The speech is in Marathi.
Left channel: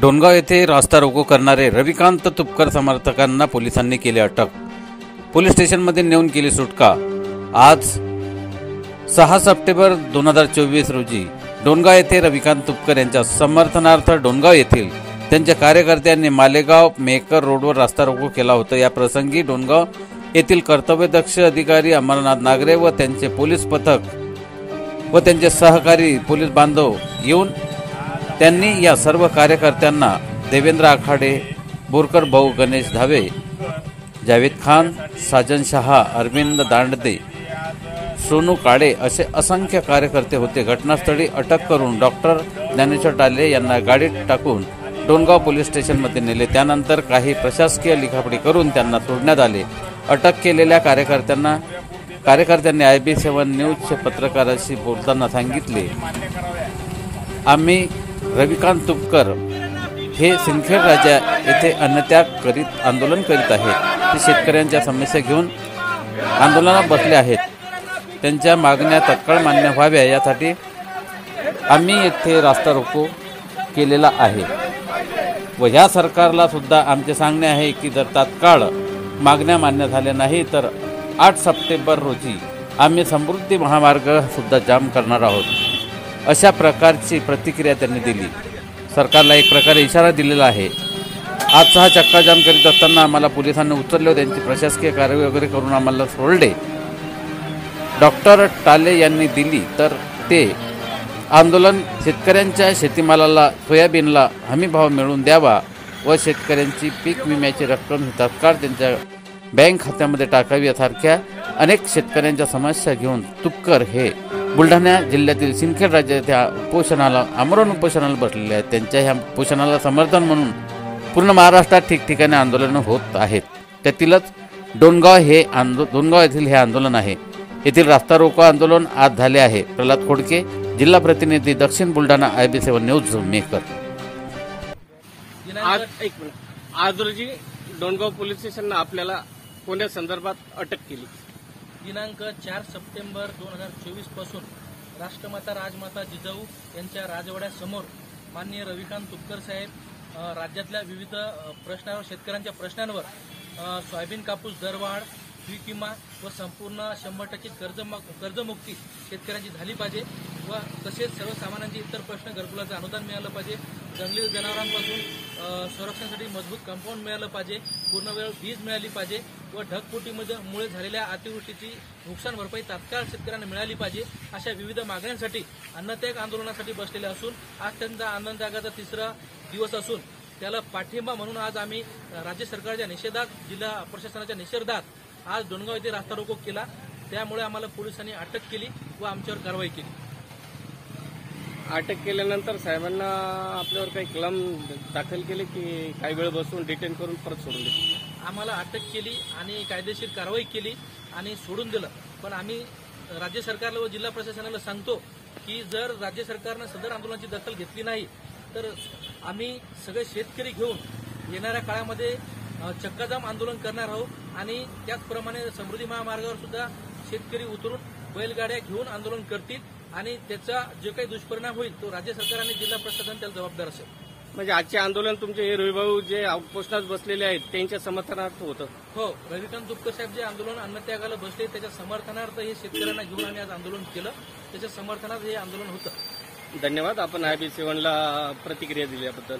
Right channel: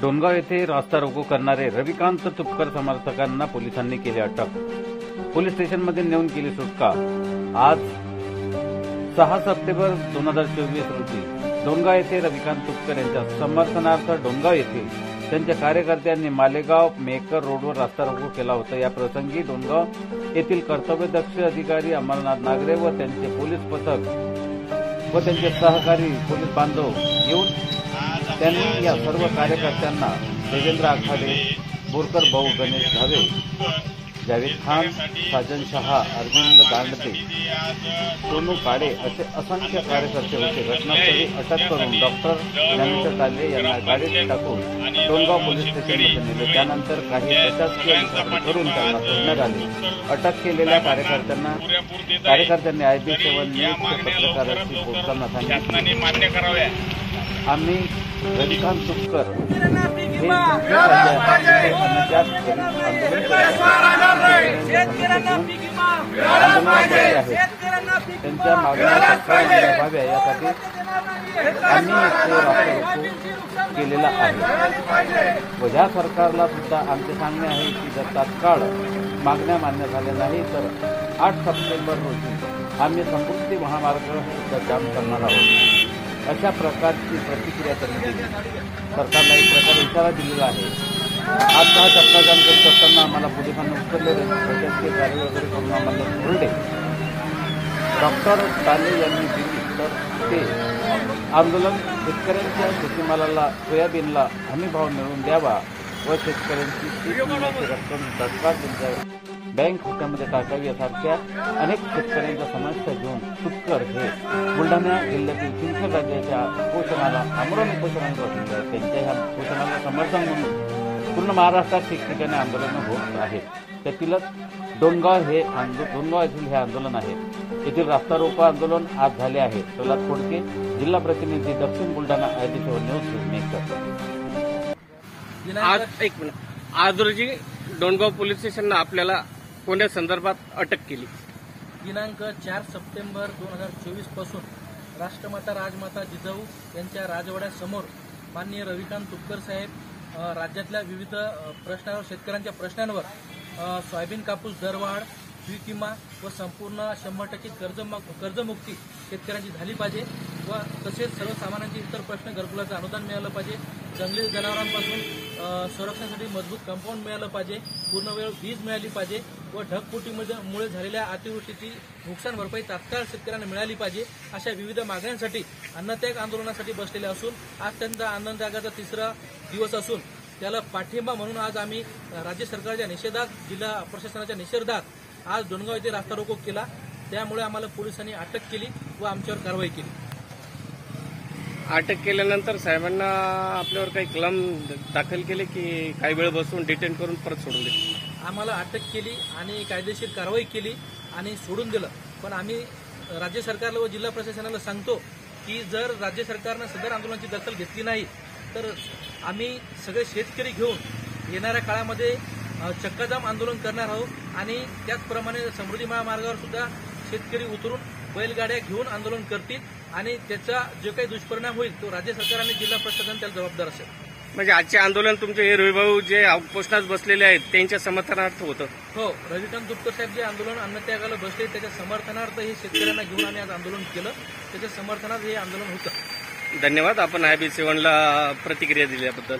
डोणगाव येथे रास्ता रोको करणारे रविकांत तुपकर समर्थकांना पोलिसांनी केले अटक। पोलीस स्टेशनमध्ये नेऊन केली सुटका। आज 6 सप्टेंबर 2024 रोजी डोणगाव येथे रविकांत तुपकर यांच्या समर्थनार्थ डोणगाव येथील त्यांच्या कार्यकर्त्यांनी मालेगाव मेकर रोडवर रास्ता रोको केला होता। या प्रसंगी डोणगाव येथील कर्तव्यदक्ष अधिकारी अमरनाथ नागरे व त्यांचे पोलीस पथक व त्यांचे सहकारी पोलीस बांधव येऊन त्यांनी या सर्व कार्यकर्त्यांना देवेंद्र आखाडे, बोरकर भाऊ, गणेश धावे, जावेद खान, साजन शहा, अरविंद दांडदे, सोनू काळे असे असंख्य कार्यकर्ते होते। घटनास्थळी अटक करून डॉक्टर ज्ञानेश्वर टाले यांना गाडीत टाकून डोणगाव पोलीस स्टेशनमध्ये नेले। त्यानंतर काही प्रशासकीय लिखापडी करून त्यांना सोडण्यात आले। अटक केलेल्या कार्यकर्त्यांनी IB7 न्यूज पत्रकाराशी बोलताना सांगितले, आम्ही रविकांत तुपकर हे सिंदखेड राजा येथे अन्नत्याग करीत आंदोलन करीत आहेत। ते शेतकऱ्यांच्या समस्या घेऊन आंदोलनात बसले आहेत। त्यांच्या मागण्या तत्काळ मान्य व्हाव्या यासाठी आम्ही येथे रास्ता रोको केलेला आहे व या सरकारला सुद्धा आमचे सांगणे आहे की जर तात्काळ मागण्या मान्य झाल्या नाही तर 8 सप्टेंबर रोजी आम्ही समृद्धी महामार्ग सुद्धा जाम करणार आहोत। अशा प्रकारची प्रतिक्रिया त्यांनी दिली। सरकारला एक प्रकारे इशारा दिलेला आहे। आज हा चक्का जाम करीत असताना आम्हाला पोलिसांनी उचलले, त्यांची प्रशासकीय कार्यवाही वगैरे करून आम्हाला सोडले। डॉक्टर टाले यांनी दिली तर ते आंदोलन शेतकऱ्यांच्या शेतीमालाला, सोयाबीनला हमीभाव मिळवून द्यावा व शेतकऱ्यांची पीक विम्याची रक्कम ही तात्काळ त्यांच्या बँक खात्यामध्ये टाकावी यासारख्या अनेक शेतकऱ्यांच्या समस्या घेऊन तुपकर हे बुलढाणा जिल्ह्यातील सिंदखेड राज्य येथे उपोषणाला, आमरण उपोषणाला बसलेले आहेत। त्यांच्या ह्या उपोषणाला समर्थन म्हणून पूर्ण महाराष्ट्रात ठिकठिकाणी आंदोलनं होत आहेत। त्यातीलच डोणगाव येथील हे आंदोलन आहे। येथील रास्ता रोको आंदोलन आज झाले आहे। प्रल्हाद खोडके, जिल्हा प्रतिनिधी, दक्षिण बुलढाणा, IB7 न्यूज मेकर। आज रोजी डोणगाव पोलीस स्टेशनने आपल्याला कोणत्या संदर्भात अटक केली? दिनांक 4 सप्टेंबर 2024 पासून राष्ट्रमाता राजमाता जिजाऊ यांच्या राजवाड्यासमोर माननीय रविकांत तुपकर साहेब राज्यातल्या विविध प्रश्नांवर, शेतकऱ्यांच्या प्रश्नांवर सोयाबीन कापूस दरवाढ, पीक विमा व संपूर्ण 100% कर्जमुक्ती शेतकऱ्यांची झाली पाहिजे व तसेच सर्वसामान्यांचे इतर प्रश्न, घरकुलाचं अनुदान मिळालं पाहिजे, जंगली जनावरांपासून संरक्षणासाठी मजबूत कंपाऊंड मिळालं पाहिजे, पूर्णवेळ वीज मिळाली पाहिजे व ढगफुटीमुळे झालेल्या अतिवृष्टीची नुकसान भरपाई तात्काळ शेतकऱ्यांना मिळाली पाहिजे। अशा विविध मागण्यांसाठी अन्नत्याग आंदोलनासाठी बसलेले असून आज त्यांचा अन्नत्यागाचा 3रा दिवस असून त्याला पाठिंबा म्हणून आज आम्ही राज्य सरकारच्या निषेधात, जिल्हा प्रशासनाच्या निषेधात आज डोणगाव येथे रास्ता रोको केला। त्यामुळे आम्हाला पोलिसांनी अटक केली व आमच्यावर कारवाई केली। अटक केल्यानंतर साहेबांना आपल्यावर काही कलम दाखल केले की काही वेळ बसून डिटेन करून परत सोडून दिले? आम्हाला अटक केली आणि कायदेशीर कारवाई केली आणि सोडून दिलं। पण आम्ही राज्य सरकारला व जिल्हा प्रशासनाला सांगतो की जर राज्य सरकारनं सदर आंदोलनाची दखल घेतली नाही तर आम्ही सगळे शेतकरी घेऊन येणाऱ्या काळामध्ये चक्काजाम आंदोलन करणार आहोत आणि त्याचप्रमाणे समृद्धी महामार्गावर सुद्धा शेतकरी उतरून बैलगाड्या घेऊन आंदोलन करतील आणि त्याचा जो काही दुष्परिणाम होईल तो राज्य सरकार आणि जिल्हा प्रशासन त्याला जबाबदार असेल। म्हणजे आजचे आंदोलन तुमचे हे रविभाऊ जे उपोषणात बसलेले आहेत त्यांच्या समर्थनार्थ होतं? हो, रविकांत तुपकर साहेब जे आंदोलन अन्नत्यागाला बसले त्याच्या समर्थनार्थ हे शेतकऱ्यांना घेऊन आम्ही आज आंदोलन केलं, त्याच्या समर्थनार्थ हे आंदोलन होतं। धन्यवाद, आपण IB7 ला प्रतिक्रिया दिल्याबद्दल।